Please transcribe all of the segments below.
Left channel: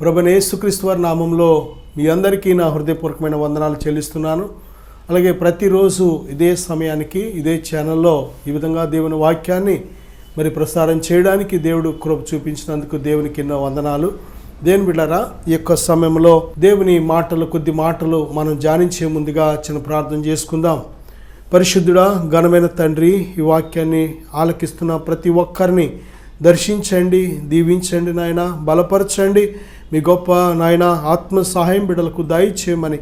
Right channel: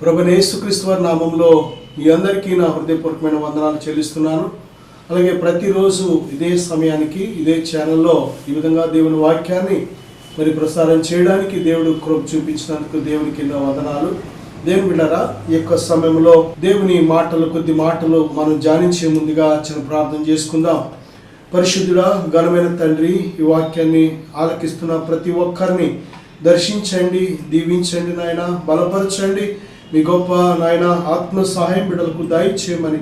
ప్రభువైన యేసుక్రీస్తు వారి నామంలో మీ అందరికీ నా హృదయపూర్వకమైన వందనాలు చెల్లిస్తున్నాను. అలాగే ప్రతిరోజు ఇదే సమయానికి ఇదే ఛానల్లో ఈ విధంగా దేవుని వాక్యాన్ని ప్రసారం చేయడానికి దేవుడు కృప చూపించినందుకు దేవునికి ఎన్నో వందనాలు. దేవుని బిడ్డలారా, ఈ యొక్క సమయంలో దేవుని కొద్ది మాటలు మనం ధ్యానించే ముందుగా చిన్న ప్రార్థన చేసుకుందాం. పరిశుద్ధుడా, ఘనమైన తండ్రి, ఈ వాక్యాన్ని ఆలకిస్తున్న ప్రతి ఒక్కరిని దర్శించండి, దీవించండి నాయన, బలపరచండి. మీ గొప్ప నాయన ఆత్మ సహాయం బిడ్డలకు దయచేయమని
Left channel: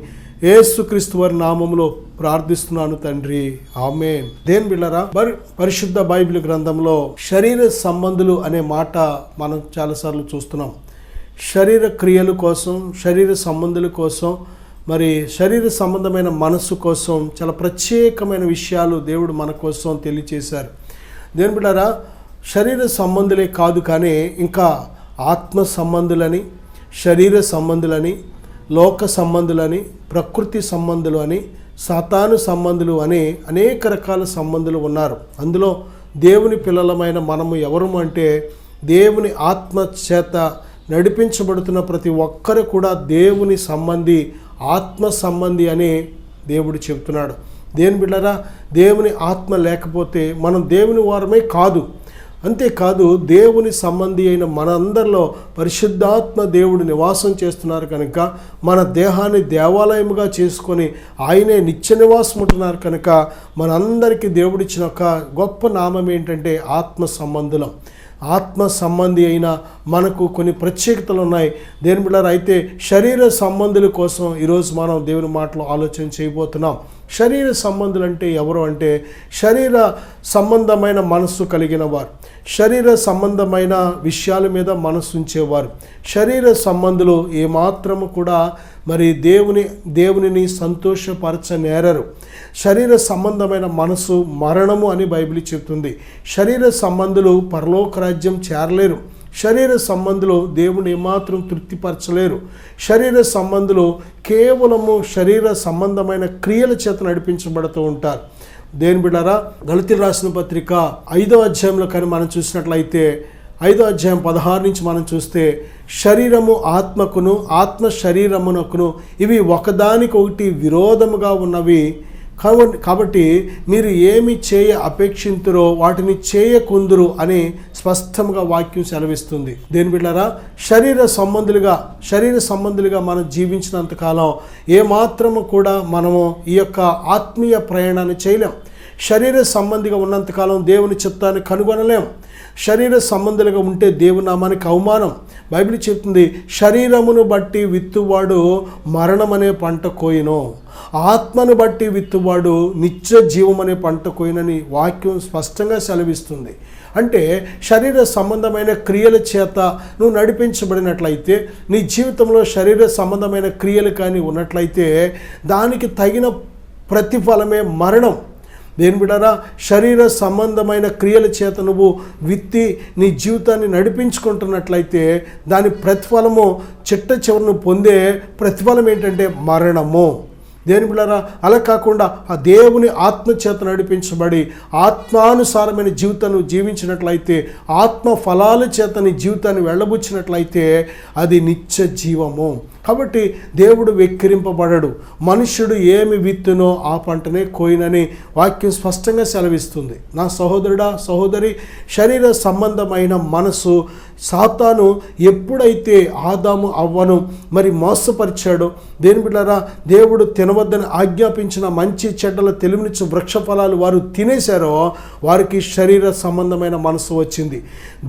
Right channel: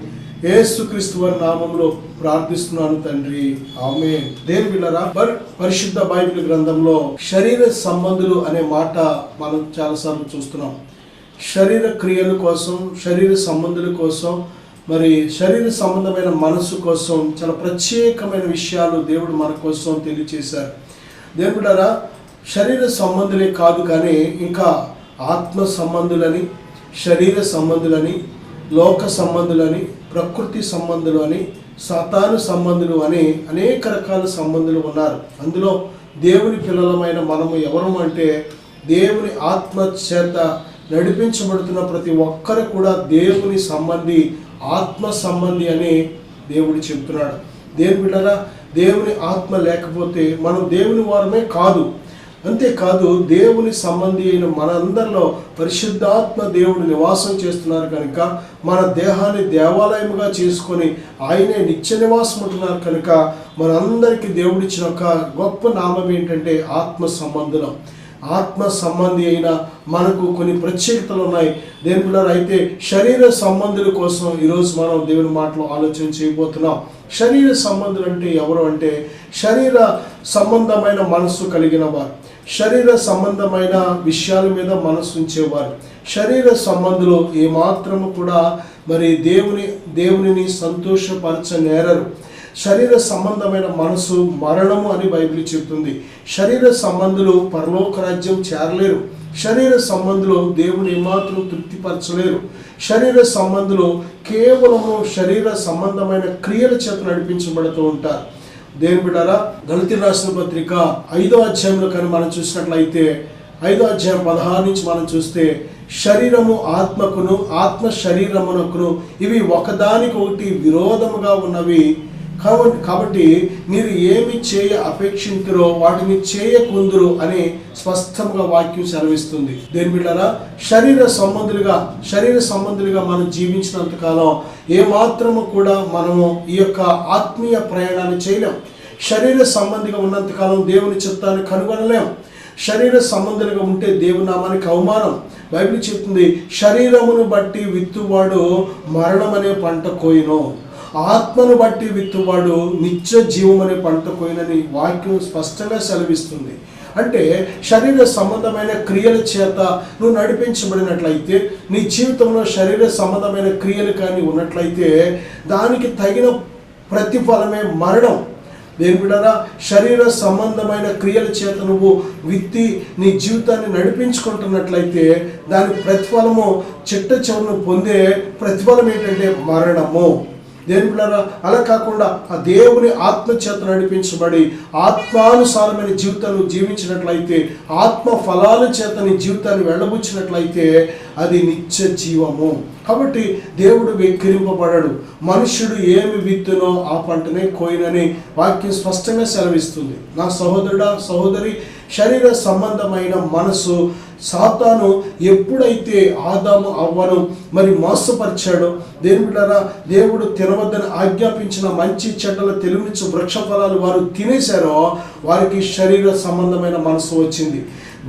యేసుక్రీస్తు వారి నామంలో ప్రార్థిస్తున్నాను తండ్రి, ఆమేన్. దేవుని బిడ్డలారా, పరిశుద్ధ బైబిల్ గ్రంథంలో శరీర సంబంధులు అనే మాట మనం చాలాసార్లు చూస్తున్నాం. శరీర క్రియల కోసం, శరీర సంబంధుల కోసం, శరీర సంబంధమైన మనస్సు కోసం చాలా ప్రత్యేకమైన విషయాలు దేవుడు మన కోసం తెలియచేశారు. దేవుని బిడ్డలారా, శరీర సంబంధులే కాదు కానీ ఇంకా ఆత్మ సంబంధులని, శరీర సంబంధులని, లోక సంబంధులని, ప్రకృతి సంబంధులు అని, సాతాను సంబంధులు అని అనేక రకాల సంబంధులు ఉన్నారు. అందులో దేవుని పిల్లలమైన మనము ఎవరు అంటే దేవుని ఆత్మ చేత నడిపించబడుతున్న ప్రతి ఒక్కరు కూడా దేవుని సంబంధి, ఆత్మ సంబంధి అని దేవుడు చెప్తున్నాడు. దేవుని బిడ్డలారా, దేవుని ఆత్మ లేకపోతే మనం దేవుని వారమే కాదు. అంతేకాదు, దేవుని సంబంధి అయిన మనందరిలో పరిశుద్ధాత్మ దేవుడు నివాసం చేస్తున్నారు కనుక మన దేహాన్ని దేవాలయముగా చేసుకొని ఆయనే నిత్య నివాసం ఉంటున్నారు కనుక మనందరికీ దేవుడిచ్చిన ఒక గొప్ప నామం ఏంటంటే ఆత్మ సంబంధులం. ఆత్మ సంబంధి అయిన మనకు కొన్ని ప్రత్యేకతలు ఉన్నాయి. దేవుని బిడ్డలారా, అయితే శరీర సంబంధుల కోసం ఈరోజు మనం దేవుని మాటలు ఆలోచన చేయబోతున్నాం. శరీర సంబంధులు అంటే ఎవరు అంటే శరీర సంబంధమైన మనస్సు కలిగిన వారు, శరీర సంబంధమైన విషయాల మీద మనసు ఉంచేవారు. శరీర సంబంధులు ఏమాత్రము కూడా దేవునిని సంతోషపరచనేరరు. శరీర సంబంధమైన మనసు మరణము అని బైబిల్ చెప్తుంది. శరీర సంబంధులు పరలోక రాజ్యం చేరలేరు. శరీర సంబంధులు దేవుని ఏమాత్రం తృప్తిపరచలేరు. శరీర సంబంధులు కేవలము శరీర సంబంధమైన క్రియల చేత నడిపించబడుతూ ఉంటారు. దేవుని బిడ్డలారా, గలతీయులకు రాసిన పత్రిక 5వ అధ్యాయంలో కానీ మనం చూసినట్లయితే 5వ అధ్యాయం 16 నుంచి మనం చూస్తే శరీరము ఆత్మకును, ఆత్మ శరీరమునకును ఇవి ఒకదానికొకటి విరోధముగా ఉన్నవి. కాబట్టి మీరు ఏమి చేయ అపేక్షింతురో వాటిని చేయకుందురు అని స్పష్టంగా వాక్యం సెలవిస్తుంది. దేని బిడ్డలారా, శరీర సంబంధులుగా మనం జీవించినంతకాలం ఏమాత్రము కూడా మనము ఈ యొక్క ఆత్మీయ ప్రయాణాన్ని చేయలేం. శరీర సంబంధిగా ఉన్నంతకాలం దేవుని చిత్తాన్ని కనుగొనలేం. శరీర సంబంధులుగా ఉంటే దేవుని నామానికి అవమానం. బైబిల్ చెప్తుంది, శరీరమును బట్టి విత్తువాడు మరణం అనే పంట కోయును, ఆత్మను బట్టి విత్తువాడు నిత్య జీవం అనే పంట కోయినని వాక్యం స్పష్టంగా సెలవిస్తుంది. అంటే శరీర సంబంధమైన క్రియల చేత నువ్వు నడిపించబడినట్లయితే, నీ జీవితంలో శరీర సంబంధమైన క్రియలు కానీ ఉన్నట్లయితే దానికి తగిన ప్రతిఫలమే మరణం. దేని బిడ్డలారా, శరీర సంబంధమైన క్రియల చేత నువ్వు విత్తి నీ జీవితాన్ని నడిపించుకుంటున్నట్లయితే దాని ప్రతిఫలము చిట్ట చివరను పొందే ప్రతిఫలం ఏంటంటే మరణము. దేని బిడ్డలారా, అలా కాకుండా ఆ దేవుని ఆత్మ చేత నడిపించబడి ఆత్మానుసారమైన జీవితాన్ని జీవించినట్లయితే, ఆత్మ ఫలాల చేత నీ జీవితాన్ని వెళ్ళబుచ్చినట్లయితే అది నిత్య జీవము. కాబట్టి దేవుడు వెక్కిరింపబడడు. మనుష్యుడు ఏమి విత్తునో ఆ పంటనే కోయినని వాక్యం స్పష్టంగా సెలవిస్తుంది. నా సహోదరుడా, సహోదరి, శరీర సంబంధమైన మనసు సాతాను ఎప్పుడైతే ఆదాము అవ్వను మోసపరిచాడో, దేని బిడ్డలారా, దేవుడు తినవద్దని ఆజ్ఞాపించిన మంచి చెడ్డల తెలివినిచ్చు వృక్ష ఫలాలు వారు తినేశారో వారికి శరీర సంబంధమైన మనసు వచ్చింది.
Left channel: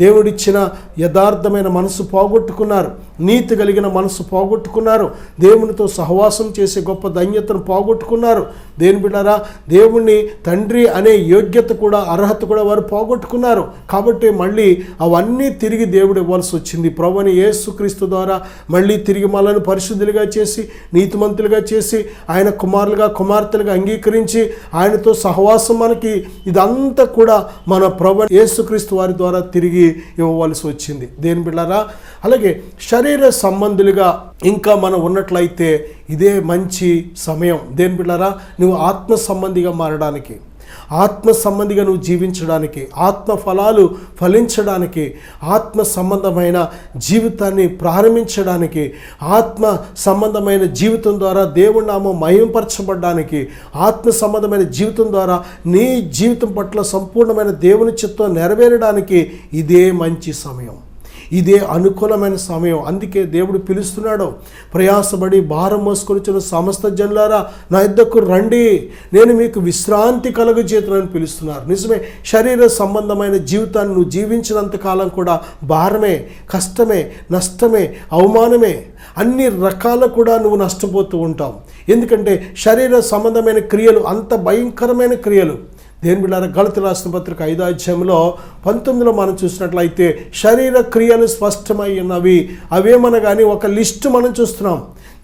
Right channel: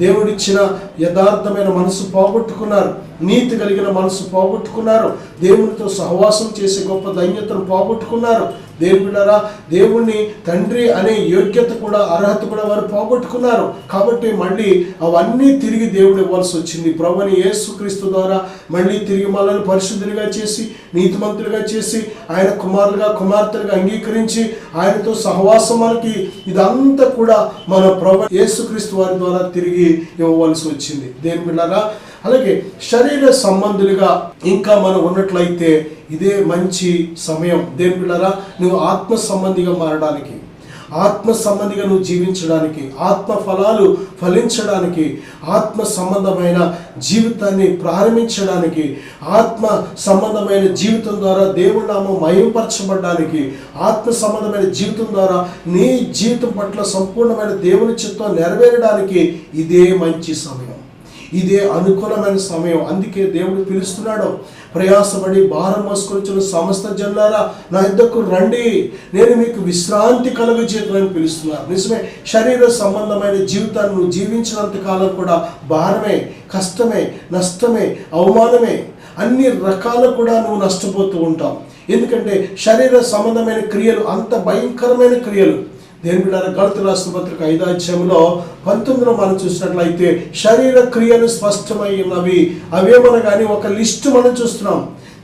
దేవుడిచ్చిన యథార్థమైన మనసు పోగొట్టుకున్నారు, నీతి కలిగిన మనసు పోగొట్టుకున్నారు, దేవునితో సహవాసం చేసే గొప్ప ధన్యతను పోగొట్టుకున్నారు. దేవుని బిడ్డలారా, దేవుణ్ణి తండ్రి అనే యోగ్యత కూడా, అర్హత కూడా వారు పోగొట్టుకున్నారు. కాబట్టి మళ్ళీ అవన్నీ తిరిగి దేవుడు ఇవ్వాల్సి వచ్చింది. ప్రభువైన యేసుక్రీస్తు ద్వారా మళ్ళీ తిరిగి మనల్ని పరిశుద్ధులుగా చేసి, నీతిమంతులుగా చేసి, ఆయన కుమారులుగా, కుమార్తెలుగా అంగీకరించి ఆయనతో సహవాసం మనకి ఇదంతా కూడా మన ప్రభువైన యేసుక్రీస్తు వారి ద్వారా తిరిగి ఇవ్వవలసి వచ్చింది. దేని బిడ్డలారా, అలాగే శరీర సంబంధులుగా ఇంకా మనం ఉన్నట్లయితే ఇదే మంచి సమయం. దేని బిడ్డలారా, నువ్వు ఆత్మ సంబంధిగా మారడానికి, ఆత్మ సంబంధిగా నువ్వు జీవించడానికి, ఆత్మ ఫలాలు ఫలించడానికి, ఆత్మ సంబంధమైన జీవితాన్ని ప్రారంభించడానికి, ఆత్మ సంబంధమైన జీవితం ద్వారా దేవుడి నామం మహిమపరచబడడానికి, ఆత్మ సంబంధమైన జీవితం ద్వారా నీ జీవితం పట్ల సంపూర్ణమైన దేవుని చిత్తం నెరవేరడానికి ఇదే మంచి సమయం, ఇదే అనుకూలమైన సమయం. అందుకే దేవుడు పిలుస్తున్నాడు, ప్రయాసపడి భారం మోసుకొనిచున్న సమస్త జనులారా నా యొద్దకు రండి, నేను మీకు విశ్రాంతి కలుగజేయుదునని పిలుస్తున్నారు. నిజమే, శరీర సంబంధమైన జీవితాన్ని నువ్వు జీవించినంత కాలం కూడా భారమే, కష్టమే, నష్టమే, అవమానమే, అన్ని రకాల కూడా నువ్వు నష్టపోతూ ఉంటావు. ఎందుకంటే శరీర సంబంధమైన క్రియలు అంత భయంకరమైన క్రియలు. దేని బిడ్డారా, గళతీయులకు రాసిన పత్రిక 5వ అధ్యాయంలో 19లో మనం చూసినట్లయితే శరీర క్రియలు స్పష్టమై ఉన్నవి. అవేమనగాని ఒక లిస్టు మనం చూస్తున్నాం.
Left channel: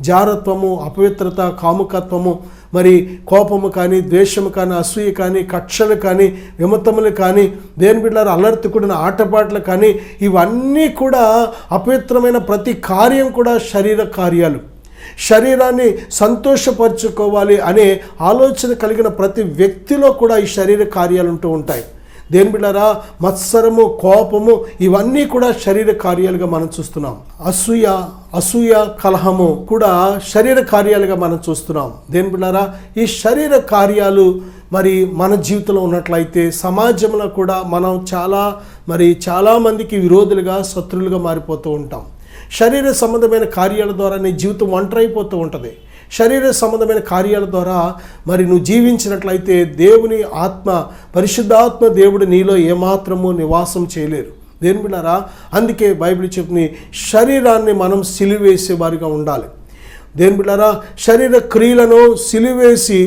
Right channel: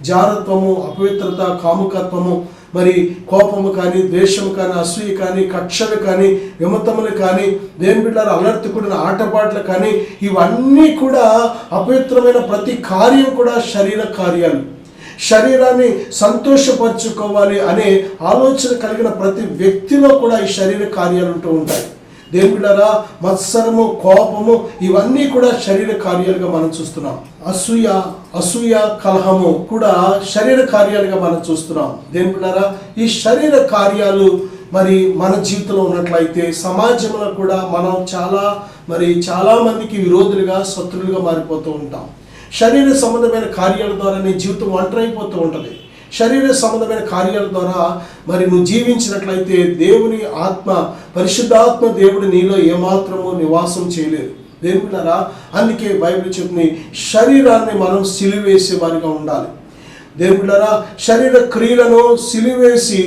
జారత్వము, అపవిత్రత, కాముకత్వము, మరి కోపము కానీ, ద్వేషము కానీ, అసూయ కానీ, కక్షలు కానీ, విమతములు కానీ, దేని బిడ్డారా అల్లరితో కూడిన ఆటపాటలు కానీ, ఇవన్నీ కూడా అపవిత్రమైన ప్రతి కార్యం కూడా శరీర కార్యాలు. శరీరాన్ని సంతోషపరచుకోవాలి అనే ఆలోచన కలిగిన ప్రతి వ్యక్తిలో కూడా ఈ శరీర కార్యాలు ఉంటూ ఉంటాయి. దేని బిడ్డారా, మత్సరము, కోపము, ఇవన్నీ కూడా శరీర కార్యాలుగా మనం చూస్తున్నాం. అసూయ, కలహము కూడా శరీర కార్యాలుగా మనం చూస్తున్నాం. దేని బిడ్డారా, ఈ శరీర కార్యాలు మరి మన జీవితంలో ఉన్నట్లయితే సమాజంలో కూడా మనం చాలా మందికి విరోధులుగా, శత్రువులుగా మారిపోతూ ఉంటాం. శరీర సంబంధమైన కార్యాల ద్వారా నీ జీవితం ఒంటరైపోతూ ఉంటుంది. శరీర సంబంధమైన కార్యాల ద్వారా మరి నువ్వు జీవించినట్లయితే దేవుని ఆత్మ, పరిశుద్ధాత్మ దేవుడు నీలో ఏమాత్రము నివాసం చేయలేరు. దేని బిడ్డారా, అందుకే బైబిల్ చెప్తుంది, శరీరాన్ని మనం సిలువేసే వారిగా ఉండాలి. దేని బిడ్డారా, శరీర క్రియలను సిలువేసి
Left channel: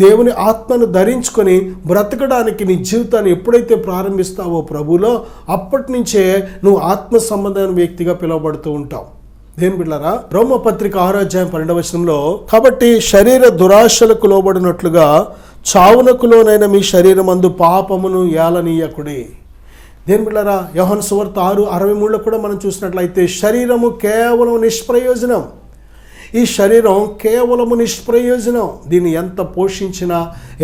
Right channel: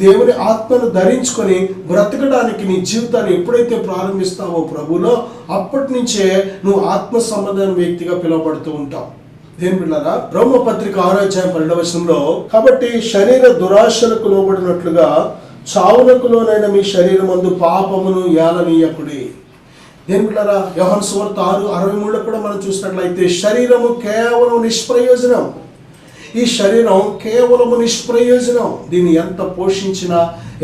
దేవుని ఆత్మను ధరించుకొని బ్రతకడానికి నీ జీవితాన్ని ఎప్పుడైతే ప్రారంభిస్తావో ప్రభులో, అప్పటి నుంచే నువ్వు ఆత్మ సంబంధమైన వ్యక్తిగా పిలువబడుతూ ఉంటావు. దేని బిడ్డారా, రోమపత్రిక 6వ అధ్యాయం 12వ వచనంలో, కాబట్టి శరీర దురాశలకు లోబడినట్లుగా చావునకు లోనైన మీ శరీరమందు పాపమును ఏలనీయకుడి. దేని బిడ్డారా, యోహాను సువార్త 6:63లో కూడా మనం చూసినట్లయితే శరీరము కేవలం నిష్ప్రయోజనం. ఈ శరీరం కేవలము నిష్ప్రయోజనం. దీన్ని ఎంత పోషించినా,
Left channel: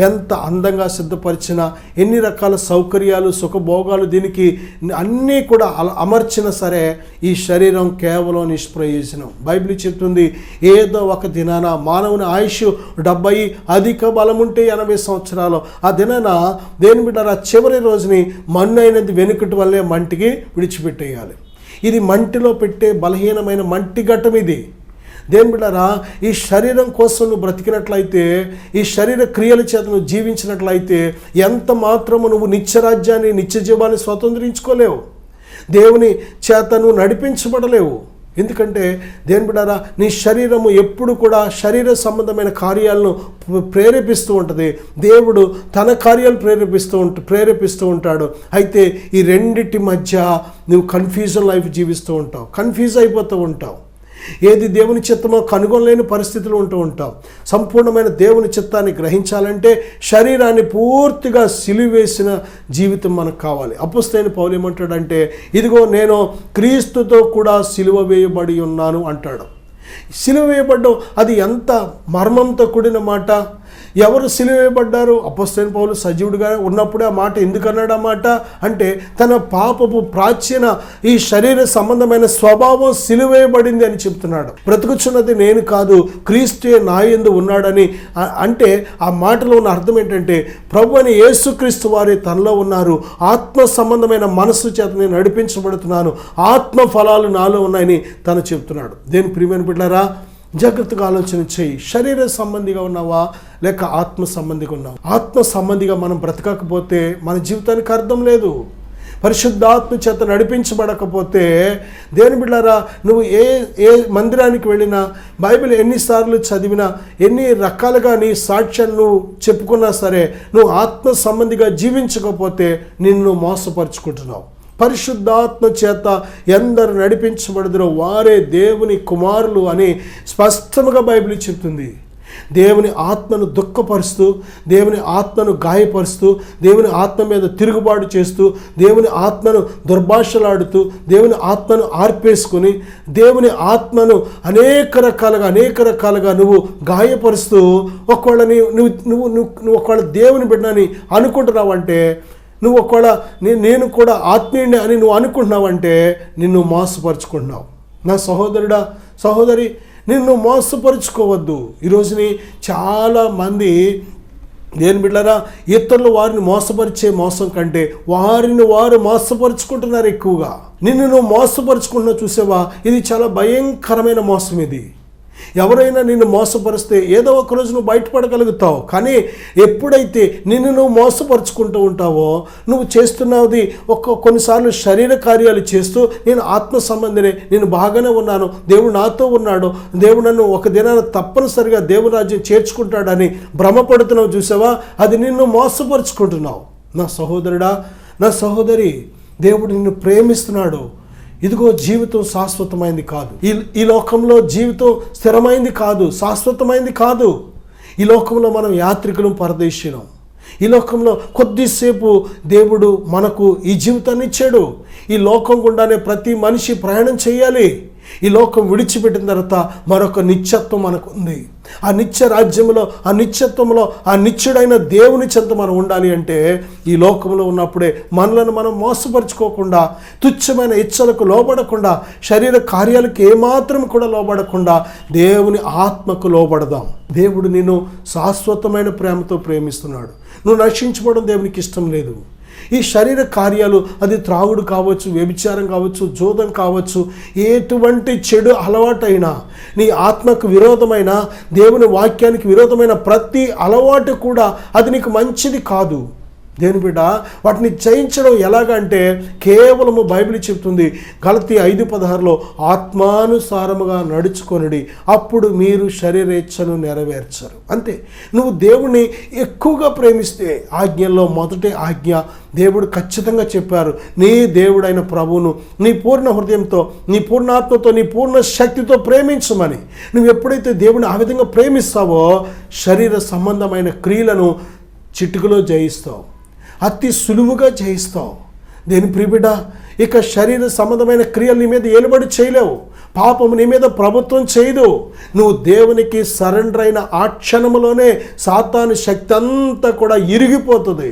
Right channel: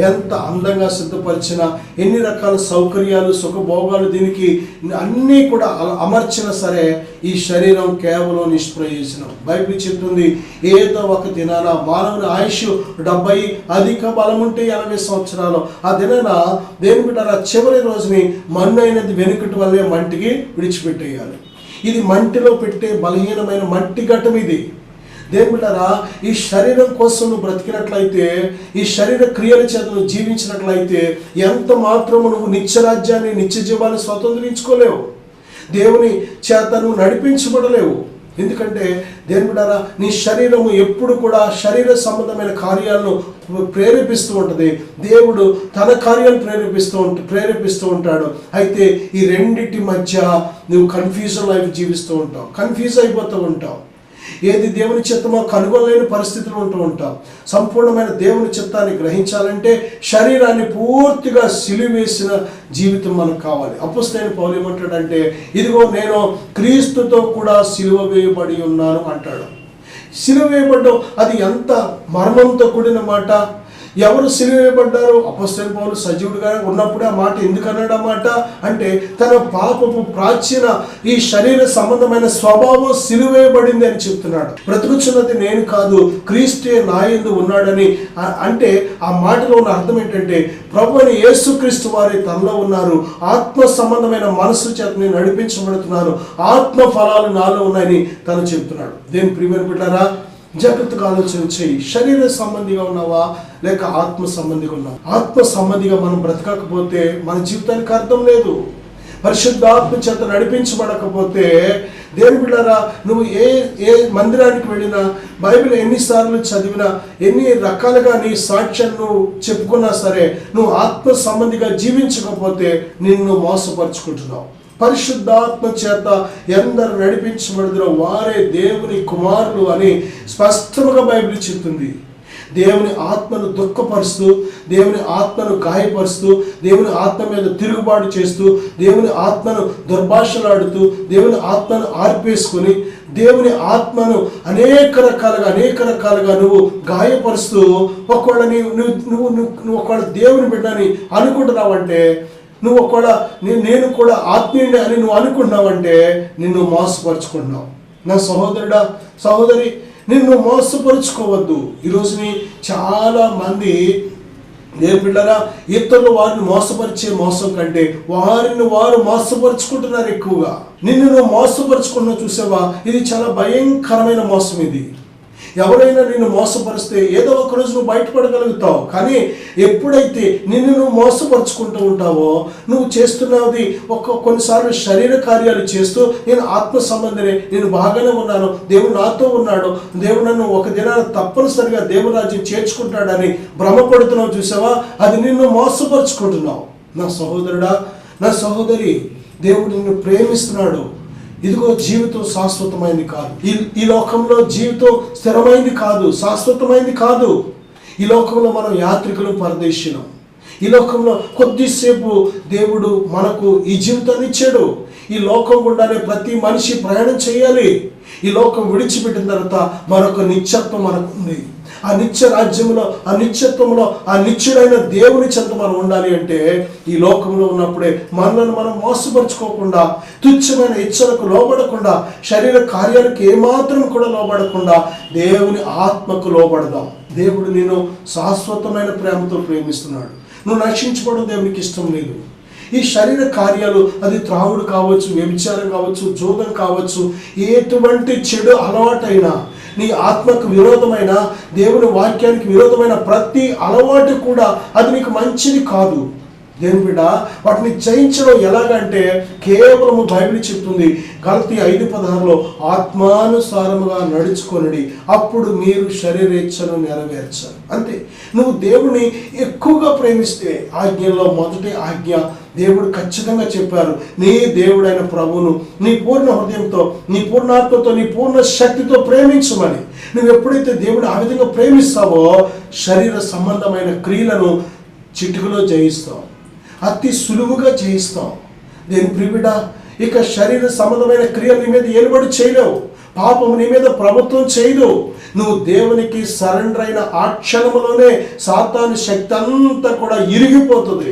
ఎంత అందంగా సిద్ధపరిచినా, ఎన్ని రకాల సౌకర్యాలు, సుఖభోగాలు దీనికి అన్నీ కూడా అమర్చినా సరే ఈ శరీరం కేవలం నిష్ప్రయోజనం. బైబిల్ చెప్తుంది, ఏదో ఒక దినాన మానవుని ఆయుష్ 70, అధిక బలముంటే 80 సంవత్సరాలు. ఆ దినాన దేని బిడ్డారా, చివరి రోజుని మన్ను అయినది వెనుకటి వల్లే మంటికి విడిచిపెట్టేయాలి. ఇది మంటిలో పెట్టే బలహీనమైన మట్టి ఘట్టం ఇది. దేని బిడ్డారా, ఈ శరీరం కోసం నువ్వు బ్రతికినట్లయితే, ఈ శరీర క్రియల చేత నువ్వు జీవించినట్లయితే ఎంత మాత్రము నువ్వు నిత్యరాజ్యాన్ని, నిత్య జీవాన్ని స్వతంత్రించుకోలేవు. దేవుని చేత నువ్వు నడిపించబడలేవు. ఎందుకంటే దేని బిడ్డారా, నీ శరీరము ఎప్పుడు కూడా శరీర సంబంధమైన కార్యాలను ప్రేరేపిస్తూ ఉంటుంది. దేవుడు తన కార్యాలు ప్రేరేపిస్తూ ఉంటాడు. అయితే ఈ రెండింటి మధ్య నువ్వు కన్ఫ్యూజన్ లైఫ్ జీవిస్తూ ఉంటావు, కన్ఫ్యూజ్ అయిపోతూ ఉంటావు. ఏది దేవుని చిత్తమో కనుగొనలేని పరిస్థితులు ఉంటూ ఉంటాం. సంపూర్ణమైన దేవుని చిత్తాన్ని గ్రహించాలంటే శరీరాన్ని పూర్తిగా సిలువేసిన జీవితం మనకు కావాలి. అపొస్తలుడైన పౌలు ఏమంటాడంటే, ఇదిగో నేను క్రీస్తుతో కూడా సిలువ వేయబడి ఉన్నాను అంటాడు. సిలువ వేయబడ్డం అది ఎంత మర్మంతో కూడిన మాట. ఎవరు సిలువేయబడ్డారు? అపొస్తలుడైన పౌలు సజీవుడిగా ఉన్నప్పుడే ఆ మాట ఎందుకు అన్నాడు? ఆ మాట అంటే తన పాపపు ప్రాచీన ఈ శరీర సంబంధమైన స్వభావం సిలువేయబడింది అని చెప్తున్నాడు. బ్రతుకుచున్నది నేను కాదు, క్రీస్తే నా యందు ఉన్నాడని. అంటే ఆ మాటలో ఉన్న అర్థం ఏంటంటే, ప్రభు అని యేసుక్రీస్తు వారి తనలో ఉన్నారు. ఆత్మ సంబంధమైన మనస్సు చేత నేను నడిపించబడుతున్నాను, ఆత్మ ఫలాలు నాలో ఉన్నాయని తను చెప్తున్నాడు. దేని ప్రియమైన బిడ్డారా, జాగ్రత్తగా ఆలోచన చేయి. శరీర సంబంధిగా ఉన్నావా లేక ఆత్మ సంబంధిగా ఉన్నావా? ఆత్మ సంబంధిగా మనం బ్రతకకపోతే మన జీవితానికి అర్థం లేదు. పరిశుద్ధాత్మ చేత నడిపించబడకపోతే దేని బిడ్డారా, నువ్వు ఏ మందిరానికి వెళ్ళినా, బైబిల్ ఎన్నిసార్లు చదివినా, ఎన్ని రకాలుగా నీ సాక్ష్యాన్ని నువ్వు చెప్పుకున్నా సరే, నువ్వు ఆత్మ సంబంధిగా జీవించకపోతే నిన్ను మోసపరుచుకుంటున్నావు. పరిశుద్ధాత్మ చేత ఎందరు నడిపించబడుదురో వారే దేవుని కుమారులు అని స్పష్టంగా బైబిల్ చెప్తుంది. దేవుని ఆత్మను దుఃఖపరుస్తూ, దేవుని ఆత్మను గాయపరుస్తూ, దేవుని ఆత్మ మీద తిరుగుబాటు చేస్తూ, దేవుని ఆత్మను దుర్భాషలాడుతూ, దేవుని ఆత్మను ఆర్పేసుకుని, దేవుని ఆత్మను అనేక రకాలుగా నువ్వు గాయపరుస్తూ ఒకవేళ నువ్వు ఒకవేళ దేవుని బిడ్డని అనుకుంటున్నావంటే, నువ్వు ఒకవేళ నేను కూడా ఆత్మీయుని అని నువ్వు అనుకుంటున్నావంటే నిన్ను మోసపరుచుకుంటున్నావు. నా సహోదరుడా, సహోదరి, నిన్ను మోసపరుచుకోవద్దు. ఈరోజుని చాలా మంది దేవుని బిడ్డలారా, ఇతరులు వారిని మోసపరిచే మోసం కంటే వారిని వారు మోసపరుచుకుంటున్నారు ఎక్కువగా. నిన్ను నువ్వు మోసపరుచుకున్నా చూసావా, ఇది చాలా భయంకరమైన మోసం. ఇది ఎవరైనా నిన్ను మోసపరిస్తే ఏదో ఒక రోజు నువ్వు బయటపడగలుగుతావు. కానీ ఎప్పుడైతే నిన్ను నువ్వు మోసపరుచుకుంటూ ఉంటావో, నువ్వు చేస్తున్నది కొన్నిసార్లు శరీర కార్యాలు చేస్తూ, నేను ఆత్మ సంబంధిని, నేను బాగానే ఉన్నాను, దేవుడు నాతో ఉన్నాడు, దేవుడు నన్ను ఒక దినాన తప్పనిసరిగా దేవుని రాజ్యం చేర్చుకుంటాడని భ్రమపడుతున్నావు చూసావా, అది నిన్ను మోసపరుచుకుంటున్నావు. నా సహోదరుడా, నా సహోదరి, దేవుడు నిన్ను ప్రేమిస్తున్నాడు. ఇదిగో జీవితం శాశ్వతమైంది కాదు. ఈ లోకంలో జీవితం స్థిరమైంది కాదు, శాశ్వతమైంది కాదు. ఈ లోకంలో మనం యాత్రికులు, పరదేశీనం. ఈ లోకంలో కొద్దిసేపు దేవుడు మనకు ఈ జీవితాన్ని ఇచ్చాడు. ఈ లోకం గుండానే ప్రతి మనిషి ప్రయాణం చేయాలి. ఈ లోకం విడిచిపెట్టిన తర్వాత మరొక నిత్యత్వం మనకు ఉంది. ఆ నిత్య రాజ్యంలో, ఆ నిత్యత్వంలో, ఆ నిత్యుడైన దేవుని చెంత మనం ఉండాలి అంటే ఈ లోకంలో ఉన్నప్పుడే మనలను మనం మోసపరుచుకోకుండా, తుచ్చమైన ఇచ్చలకు లోబడకుండా, శరీర కార్యాలకు ఏమాత్రం కూడా లోబడకుండా దేవుని ఆత్మకు లోబడదాం. దేవుడు నిన్ను శాశ్వతమైన ప్రేమతో ప్రేమిస్తున్నాడు. నువ్వు నశించుకోవడం దేవునికి ఇష్టం లేదు. ఈ శరీర కార్యాలు, అది త్రాగుడు కావచ్చు, వ్యభిచారం కావచ్చు, జోదం కావచ్చు, ఎటువంటి చెడు అలవాటైనా, నీ ఆత్మకు విరోధమైన, దేవుని వాక్యానికి విరోధమైన ప్రతి అలవాటు కూడా అది నీకు మంచిది కాదు. దేవుని బిడ్డ, వాటిని జయించడం ఎలాగంటే కేవలము బైబిల్ చెప్తుంది, గలతీ 5:16 ఆత్మానుసారముగా నడుచుకొనుడి, అప్పుడు మీరు శరీరేచ్ఛను నెరవేర్చరు. అంతే. నువ్వు దేవుని ఎక్కువగా ప్రేమిస్తే, ఆజ్ఞల్లో మొదటి ఆజ్ఞ దేవుడు ఖచ్చితంగా చెప్పారు, నీ దేవుడైన ప్రభువును నీ పూర్ణ హృదయంతో, నీ పూర్ణాత్మతో, నీ పూర్ణ శక్తితో ప్రేమించమని. నువ్వు ఎప్పుడైతే దేవుని ఆ విధంగా ప్రేమిస్తావో, శరీర సంబంధమైన క్రియలను చిటికలో జయిస్తావు, అతి సులువుగా జయిస్తాం. దేని ప్రియబిడ్డ, ఇక శరీర సంబంధమైన క్రియలు నీ మీద ఏలుబడి చేయలేవు. పాపము నీ మీద ప్రభుత్వం చేయదు. నువ్వు దేవునికి సరెండర్ అయిన ఆ క్షణములోనే సాతాను శక్తి అంతా కూడా ఇరిగిపోతుంది.